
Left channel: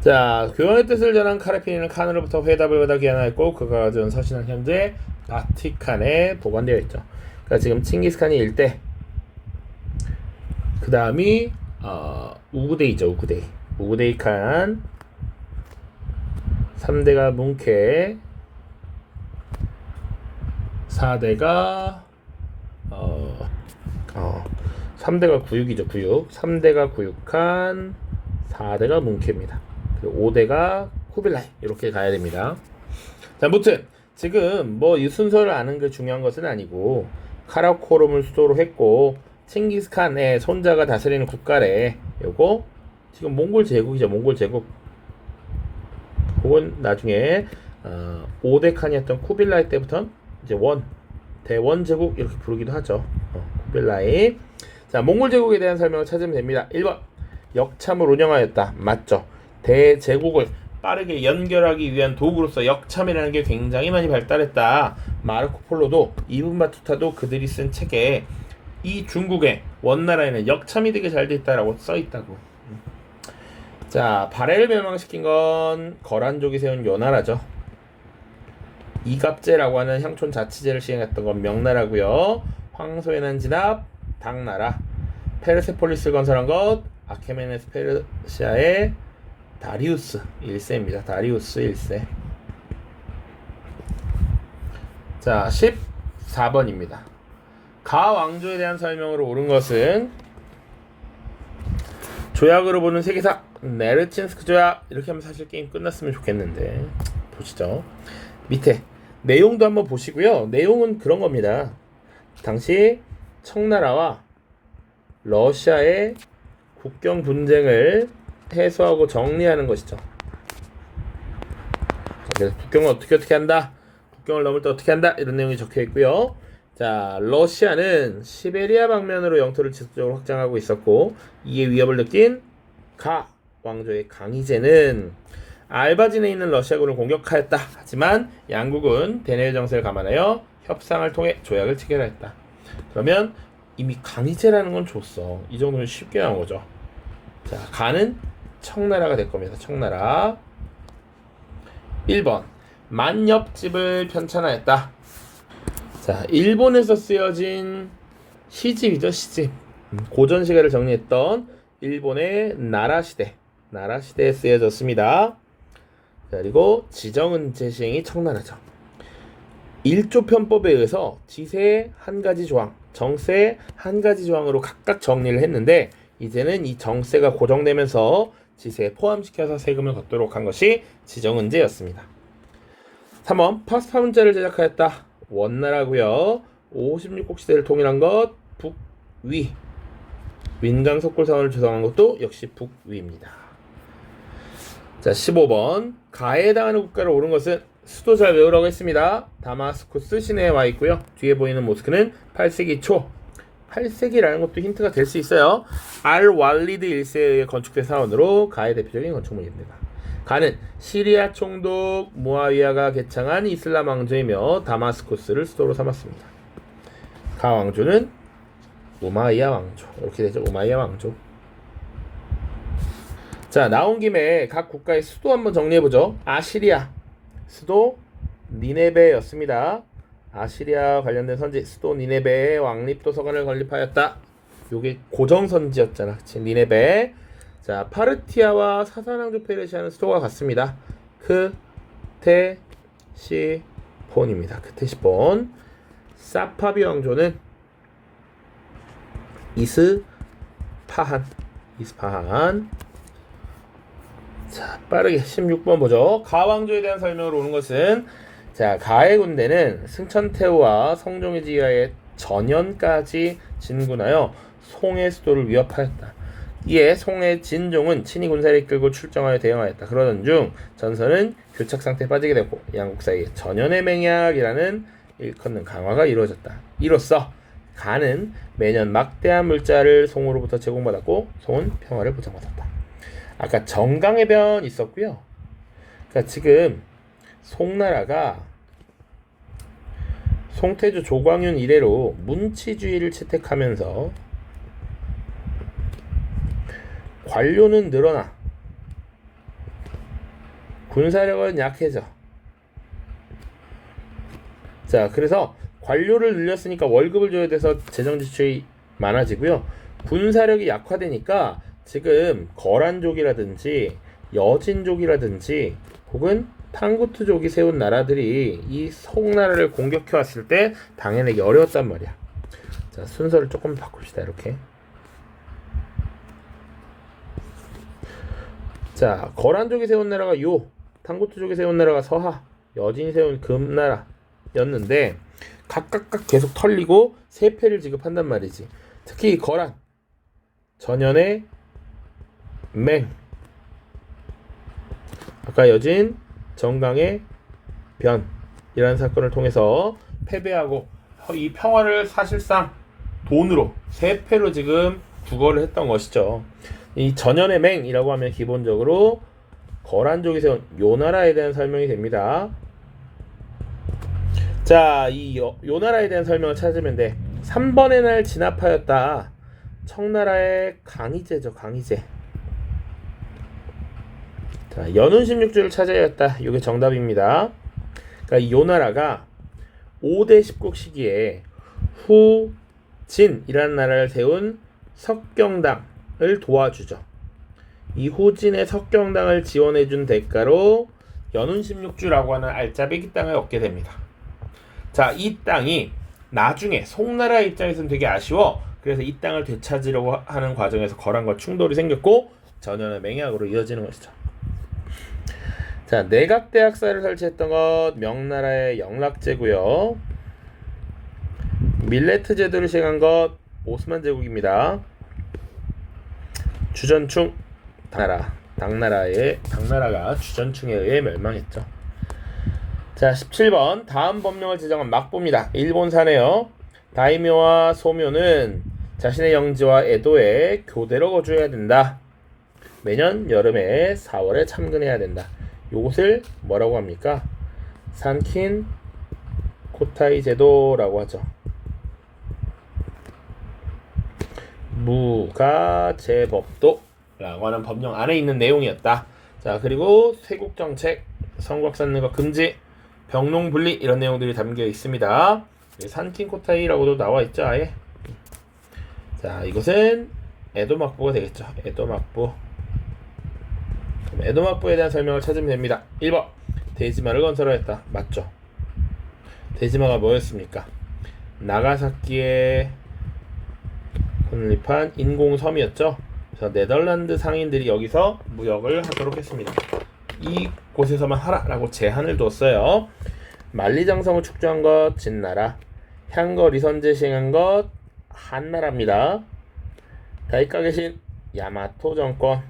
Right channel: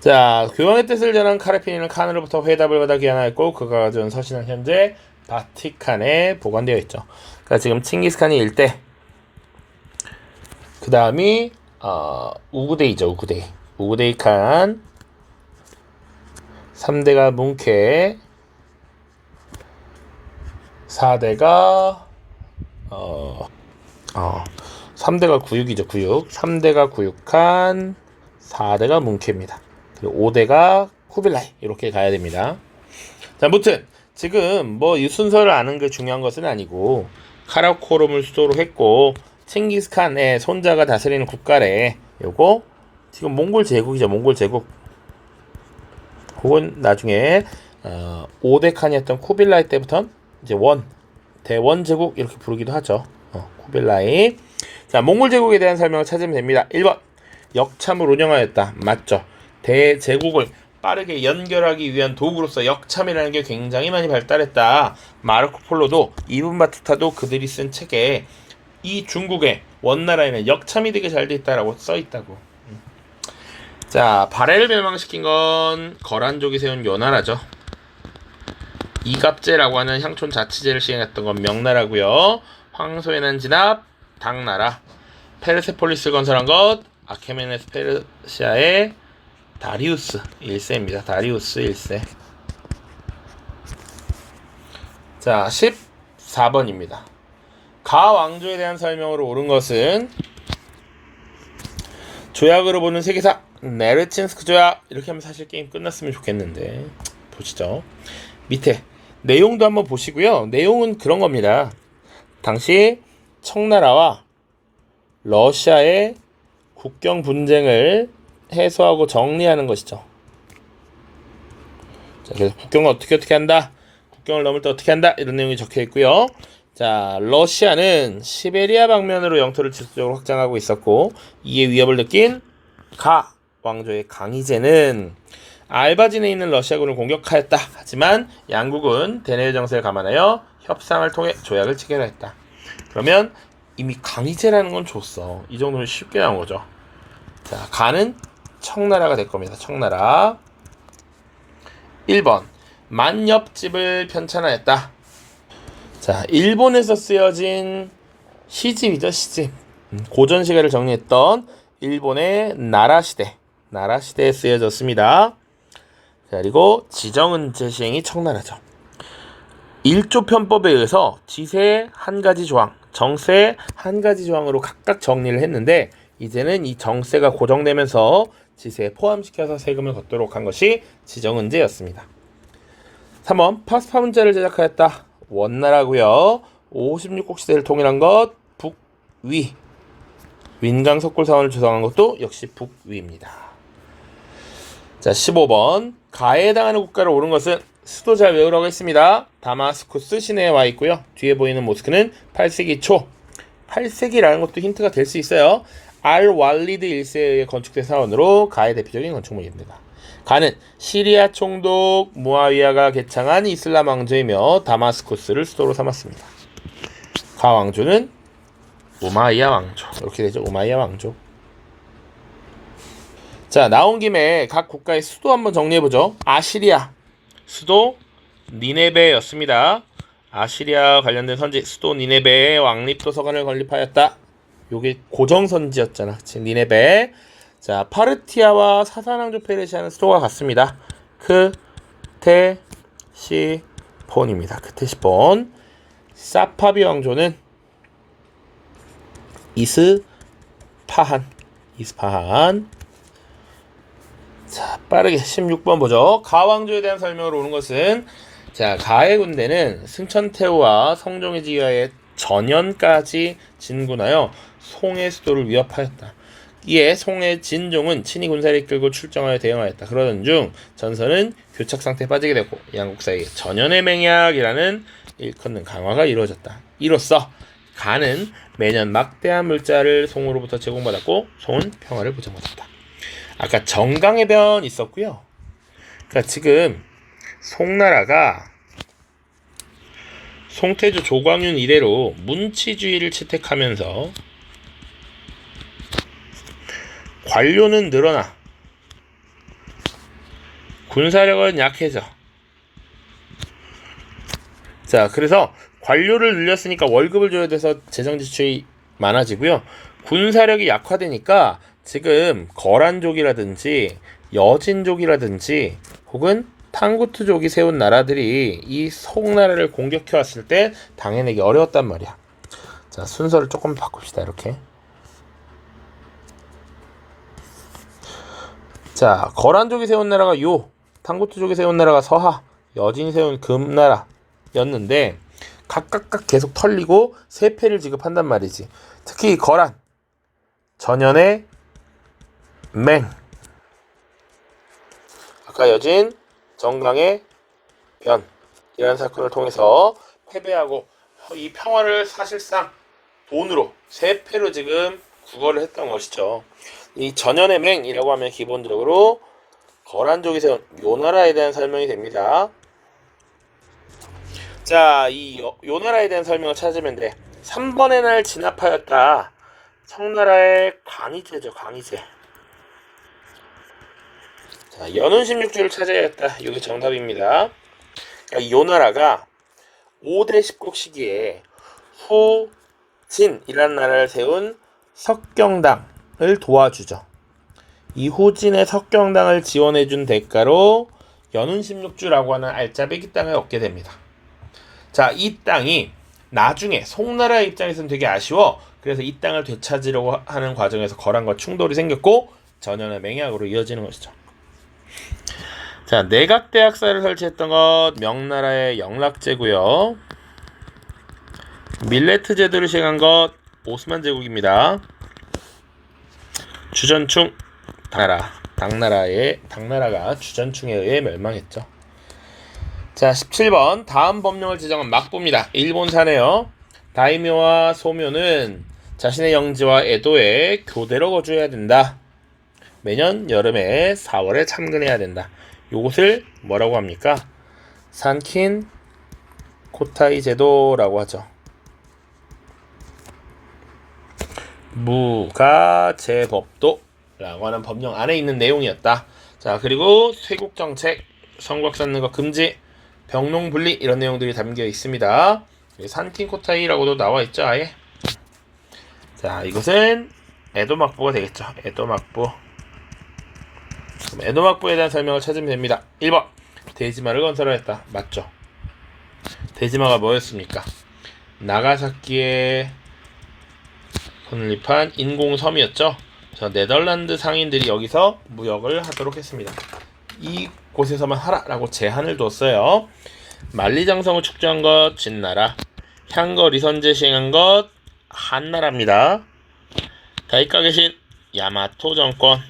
자, 교황의 뜻을 전한 카르피니는 칸으로부터 회답을 받아 귀환하였고 그가 가져온 서신은 현재 바티칸에 보관되어 있죠. 그러니까 지금 칭기스칸이 일대, 그 다음이 우구데이죠. 우구데이 칸, 3대가 뭉케, 4대가 3대가 구육이죠. 구육. 3대가 구육칸, 4대가 뭉케입니다. 그리고 5대가 쿠빌라이. 이렇게 가야 됩니다. 자, 아무튼 지금 뭐 이 순서를 아는 게 중요한 것은 아니고 카라코름을 수도로 했고 칭기스칸의 손자가 다스리는 국가래. 요거 지금 몽골 제국이죠. 몽골 제국. 혹은 나중에 5대 칸이었던 쿠빌라이 때부터 이제 대원 제국 이렇게 부르기도 하죠. 쿠빌라이. 자, 몽골 제국에 대한 설명을 찾으면 됩니다. 1번 역참을 운영하였다. 맞죠. 대제국을 빠르게 연결하기 위한 도구로서 역참이라는 게 굉장히 많이 발달했다. 마르코폴로도 이븐 바투타도 그들이 쓴 책에 이 중국의 원나라에는 역참이 되게 잘 돼 있다라고 써 있다고. 자, 발해를 멸망시킨 건 거란족이 세운 요 나라죠. 이갑제라고 하는 향촌 자치제를 시행했던 건 명나라고요. 황소에는 진압 당나라. 페르세폴리스를 건설한 것 아케메네스 페르시아의 다리우스 1세입니다. 다리우스 1세. 자, 14번입니다. 가 왕조에 대한 설명으로 옳은 것은 조약으로 보는 세계사 네르친스크 조약. 이렇게 하면 사실 게임 끝났으면 좋겠는데 보시죠. 밑에 내용도 한번 보시고요. 내용은 그런 겁니다. 당시 청나라와 러시아의 국경 분쟁을 해소하고 정리하는 것이죠. 자, 그래서 국경을 어떻게 한다, 국경을 넘을 때 어떻게 한다, 이런 내용이 적혀 있고요. 자, 러시아는 시베리아 방면으로 영토를 지속적으로 확장하고 있었고 이에 위협을 느낀 가 왕조의 강희제는 알바진에 있는 러시아군을 공격하였다. 하지만 양국은 대내외 정세를 감안하여 협상을 통해 조약을 체결했다. 그러면 이미 강희제라는 건 줬어. 이 정도면 쉽게 나온 거죠. 자, 가는 청나라가 될 겁니다. 청나라. 1번 만엽집을 편찬하였다. 자, 일본에서 쓰여진 시집이죠. 시집. 고전 시계를 정리했던 일본의 나라시대에 쓰여졌습니다. 자, 그리고 지정은제 시행이 청나라죠. 일조 편법에 의해서 지세 한 가지 조항, 정세 한 가지 조항으로 각각 정리를 했는데 이제는 이 정세가 고정되면서 지세에 포함시켜서 세금을 걷도록 한 것이 지정은제였습니다. 3번 파스파 문자를 제작하였다. 원나라고요. 56곡 시대를 통일한 것 북위. 윈강석굴 사원을 조성한 것도 역시 북위입니다. 자, 15번 가해에 해당하는 국가를 오른 것은 수도 잘 외우라고 했습니다. 다마스쿠스 시내에 와 있고요. 뒤에 보이는 모스크는 8세기 초. 8세기라는 것도 힌트가 될 수 있어요. 알왈리드 1세에 의해 건축된 사원으로 가의 대표적인 건축물입니다. 가는 시리아 총독 무아위야가 개창한 이슬람 왕조이며 다마스쿠스를 수도로 삼았습니다. 가 왕조는 우마이야 왕조. 이렇게 되죠. 우마이야 왕조. 자, 나온 김에 각 국가의 수도 한번 정리해보죠. 아시리아 수도 니네베였습니다. 아시리아 관련된 선지 수도 니네베에 왕립도서관을 건립하였다. 요게 고정선지였잖아. 지금 니네베. 자, 파르티아와 사산왕조 페르시아는 수도가 같습니다. 크테시폰입니다. 크테시폰. 사파비 왕조는 이스파한. 자, 빠르게 16번 보죠. 가왕조에 대한 설명을 오는 것은 자, 가의 군대는 승천태후와 성종의지하의 전연까지 진군하여 송의 수도를 위협하였다. 이에 송의 진종은 친히 군사를 이끌고 출정하여 대응하였다. 그러던 중 전선은 교착 상태에 빠지게 되고 양국 사이에 전연의 맹약이라는 일컫는 강화가 이루어졌다. 이로써 가는 매년 막대한 물자를 송으로부터 제공받았고 송은 평화를 보장받았다. 아까 정강의 변 있었고요. 그러니까 지금 송나라가 송태조 조광윤 이래로 문치주의를 채택하면서 관료는 늘어나 군사력은 약해져. 자, 그래서 관료를 늘렸으니까 월급을 줘야 돼서 재정 지출이 많아지고요. 군사력이 약화되니까 지금 거란족이라든지 여진족이라든지 혹은 탕구트족이 세운 나라들이 이 송나라를 공격해 왔을 때 당해내기 어려웠단 말이야. 자, 순서를 조금 바꿉시다. 이렇게. 자, 거란족이 세운 나라가 요, 탕구트족이 세운 나라가 서하, 여진이 세운 금나라였는데 각각 계속 털리고 세패를 지급한단 말이지. 특히 거란, 전연의 맹, 아까 여진, 정강의 변이라는 사건을 통해서 패배하고 이 평화를 사실상 돈으로 세패로 지금 구걸을 했던 것이죠. 이 전연의 맹이라고 하면 기본적으로 거란족이 세운 요 나라에 대한 설명이 됩니다. 자, 이 요 나라에 대한 설명을 찾으면 돼. 3번의 날 진압하였다. 청나라의 강희제죠. 강희제. 자, 연운 16주를 차지하였다. 이게 정답입니다. 그러니까 이 요 나라가 5대 10국 시기에 후진이라는 나라를 세운 석경당을 도와주죠. 이 후진의 석경당을 지원해준 대가로 연운 16주라고 하는 알짜배기 땅을 얻게 됩니다. 자, 이 땅이 나중에 송나라 입장에서는 되게 아쉬워. 그래서 이 땅을 되찾으려고 하는 과정에서 거란과 충돌이 생겼고 전연의 맹약으로 이어지는 것이죠. 자, 내각대학사를 설치했던 것 명나라의 영락제고요. 밀레트 제도를 시행한 것 오스만 제국입니다. 주전충 당나라가 주전충에 의해 멸망했죠. 자, 17번 다음 법령을 제정한 막부입니다. 일본사네요. 다이묘와 소묘는 자신의 영지와 에도에 교대로 거주해야 된다. 매년 여름에 4월에 참근해야 된다. 요것을 뭐라고 합니까? 산킨 코타이 제도라고 하죠. 무가제법도라고 하는 법령 안에 있는 내용이었다. 자, 그리고 쇄국정책, 성곽 쌓는 것 금지, 병농분리 이런 내용들이 담겨 있습니다. 산킨 코타이라고도 나와 있죠, 아예. 자, 이것은 에도막부가 되겠죠. 에도막부. 에도막부에 대한 설명을 찾으면 됩니다. 1번 대지마를 건설하였다. 맞죠? 대지마가 뭐였습니까? 나가사키에 건립한 인공섬이었죠. 그래서 네덜란드 상인들이 여기서 무역을 하도록 했습니다. 이곳에서만 하라라고 제한을 뒀어요. 만리장성을 축조한 것 진나라, 향거 리선제 시행한 것 한나라입니다. 다이카 계신 야마토 정권,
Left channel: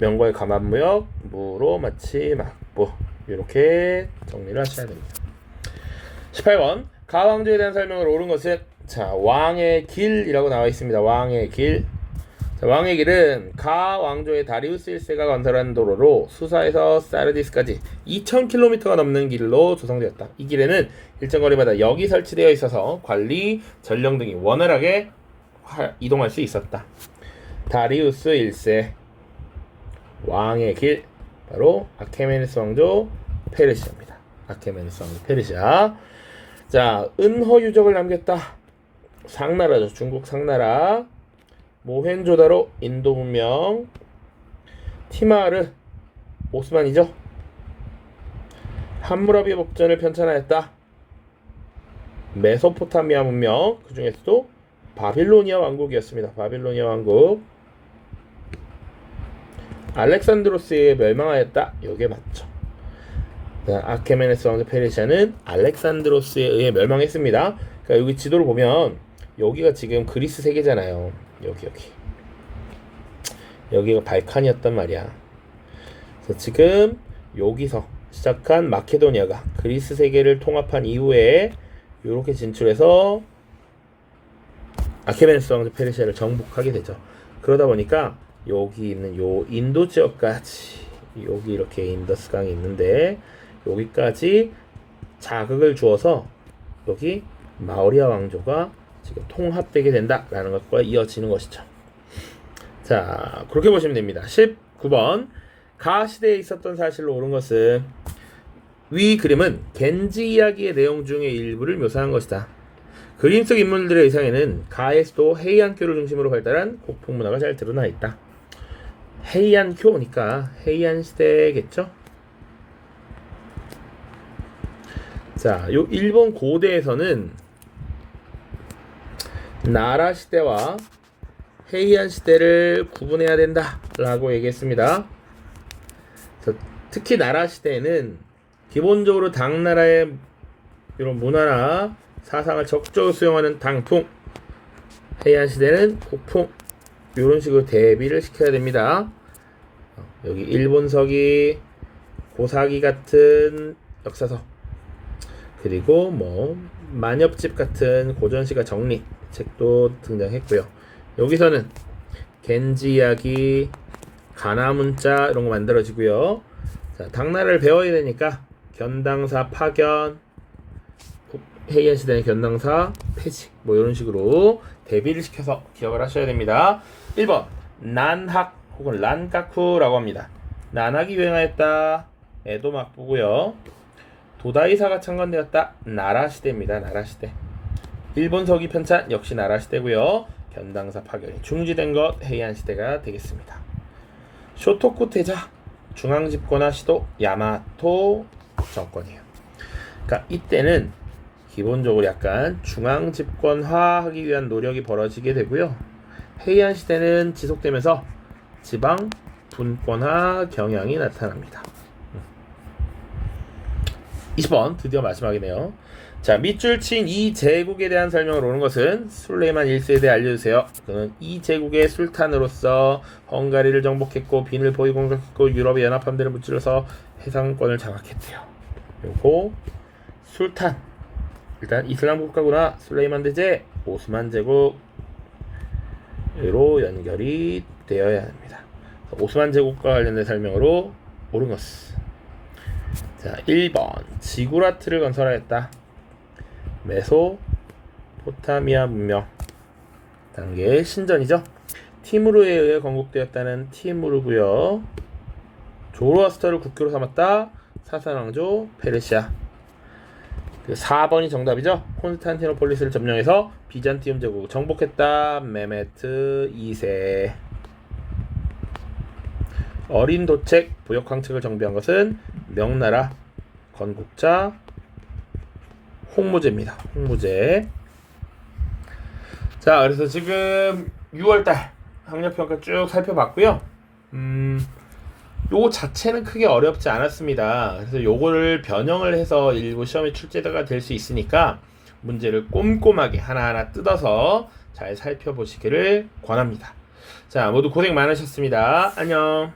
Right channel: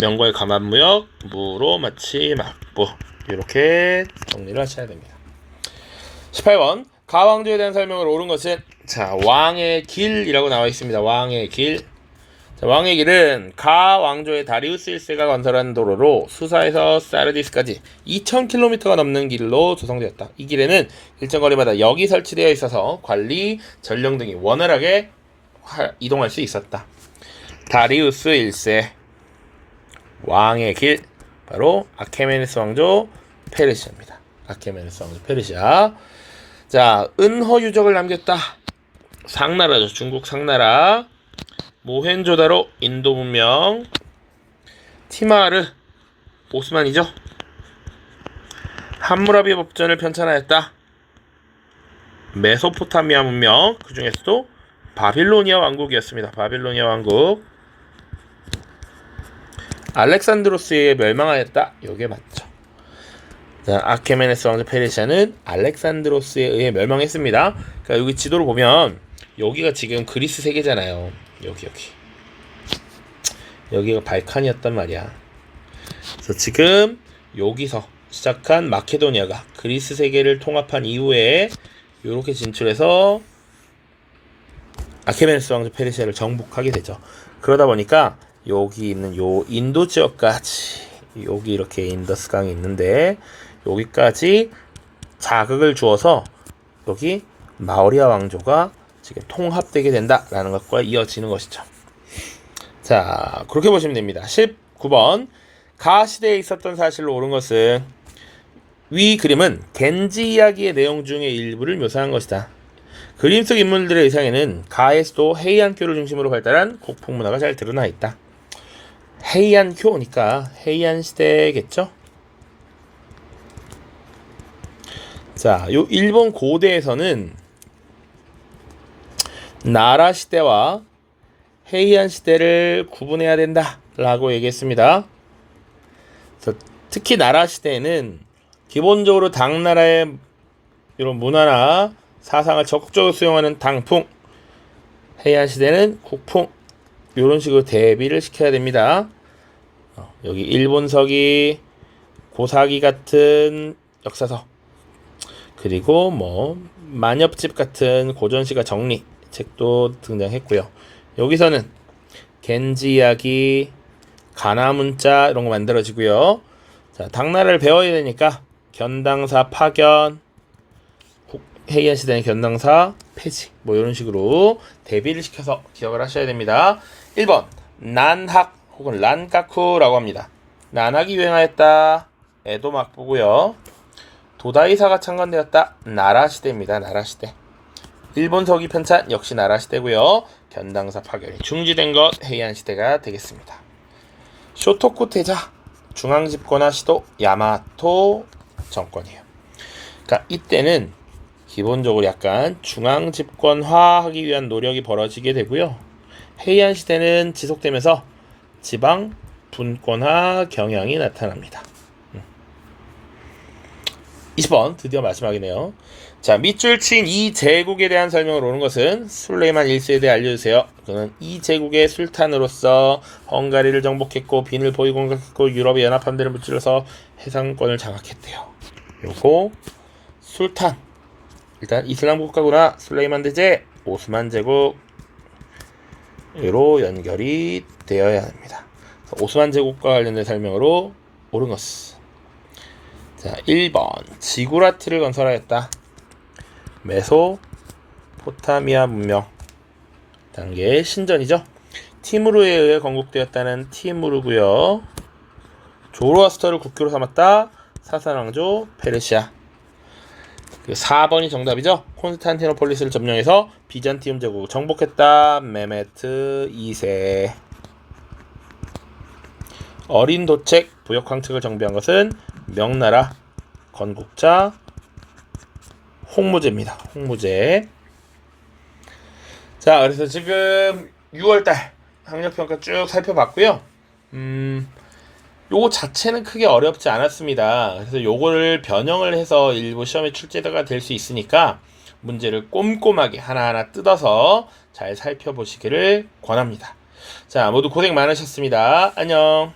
명거의 가만무역, 무로마치 막부, 이렇게 정리를 하셔야 됩니다. 18번 가왕조에 대한 설명을 옳은 것은 자 왕의 길이라고 나와 있습니다. 왕의 길. 자, 왕의 길은 가 왕조의 다리우스 1세가 건설한 도로로 수사에서 사르디스까지 2000km가 넘는 길로 조성되었다. 이 길에는 일정 거리마다 역이 설치되어 있어서 관리, 전령 등이 원활하게 이동할 수 있었다. 다리우스 1세 왕의 길, 바로 아케메네스 왕조 페르시아입니다. 아케메네스 왕조 페르시아. 자, 은허 유적을 남겼다. 상나라죠. 중국 상나라. 모헨조다로 인도 문명. 티마르 오스만이죠. 함무라비 법전을 편찬하였다. 메소포타미아 문명, 그 중에서도 바빌로니아 왕국이었습니다. 바빌로니아 왕국. 알렉산드로스에 멸망하였다. 요게 맞죠. 자, 아케메네스 왕조 페르시아는 알렉산드로스에 의해 멸망했습니다. 그러니까 여기 지도를 보면 여기가 지금 그리스 세계잖아요. 여기가 발칸이었단 말이야. 그래서 지금 여기서 시작한 마케도니아가 그리스 세계를 통합한 이후에 이렇게 진출해서 아케메네스 왕조 페르시아를 정복하게 되죠. 그러다 보니까 여기 있는 요 인도 지역까지, 여기 이렇게 인더스강이 있는데 여기까지 자극을 주어서 여기 마우리아 왕조가 지금 통합되게 된다라는 것과 이어지는 것이죠. 자, 그렇게 보시면 됩니다. 19번 가 시대에 있었던 사실로 옳은 것은 위 그림은 겐지 이야기의 내용 중의 일부를 묘사한 것이다. 그림 속 인물들의 의상에는 가에서도 헤이안교를 중심으로 발달한 고풍 문화가 잘 드러나 있다. 헤이안교니까 헤이안 시대겠죠? 자, 요 일본 고대에서는 나라 시대와 헤이안 시대를 구분해야 된다라고 얘기했습니다. 특히 나라 시대에는 기본적으로 당나라의 이런 문화나 사상을 적극적으로 수용하는 당풍, 헤이안 시대는 국풍, 이런 식으로 대비를 시켜야 됩니다. 여기 일본서기, 고사기 같은 역사서, 그리고 뭐 만엽집 같은 고전시가 정리 책도 등장했고요. 여기서는 겐지 이야기, 가나문자 이런 거 만들어지고요. 자, 당나라를 배워야 되니까 견당사 파견, 헤이안 시대는 견당사 폐지, 뭐 이런 식으로 대비를 시켜서 기억을 하셔야 됩니다. 1번 난학 혹은 란가쿠라고 합니다. 난학이 유행하였다. 에도 막부고요. 도다이사가 창건되었다. 나라 시대입니다. 나라 시대. 일본 서기 편찬 역시 나라 시대고요. 견당사 파견이 중지된 것 헤이안 시대가 되겠습니다. 쇼토쿠 태자 중앙 집권화 시도 야마토 정권이에요. 그러니까 이때는 기본적으로 약간 중앙 집권화하기 위한 노력이 벌어지게 되고요. 헤이안 시대는 지속되면서 지방 분권화 경향이 나타납니다. 20번 드디어 마지막이네요. 자, 밑줄 친 이 제국에 대한 설명을 오는 것은 술레이만 1세에 대해 알려주세요. 그는 이 제국의 술탄으로서 헝가리를 정복했고 빈을 보이 공격했고 유럽의 연합함대를 무찔러서 해상권을 장악했대요. 요거 술탄, 일단 이슬람 국가구나. 술레이만 대제, 오스만 제국으로 연결이 되어야 합니다. 오스만 제국과 관련된 설명으로 옳은 것은 자, 1번 지구라트를 건설하였다. 메소포타미아 문명 단계 신전이죠. 티무르에 의해 건국되었다는 티무르고요. 조로아스터를 국교로 삼았다. 사산왕조 페르시아. 4번이 정답이죠. 콘스탄티노폴리스를 점령해서 비잔티움 제국을 정복했다. 메메트 2세. 어린 도책 부역 황책을 정비한 것은 명나라 건국자 홍무제입니다. 홍무제. 자, 그래서 지금 6월달 학력평가 쭉 살펴봤고요. 요거 자체는 크게 어렵지 않았습니다. 그래서 요거를 변형을 해서 일부 시험에 출제가 될 수 있으니까 문제를 꼼꼼하게 하나하나 뜯어서 잘 살펴보시기를 권합니다. 자, 모두 고생 많으셨습니다. 안녕.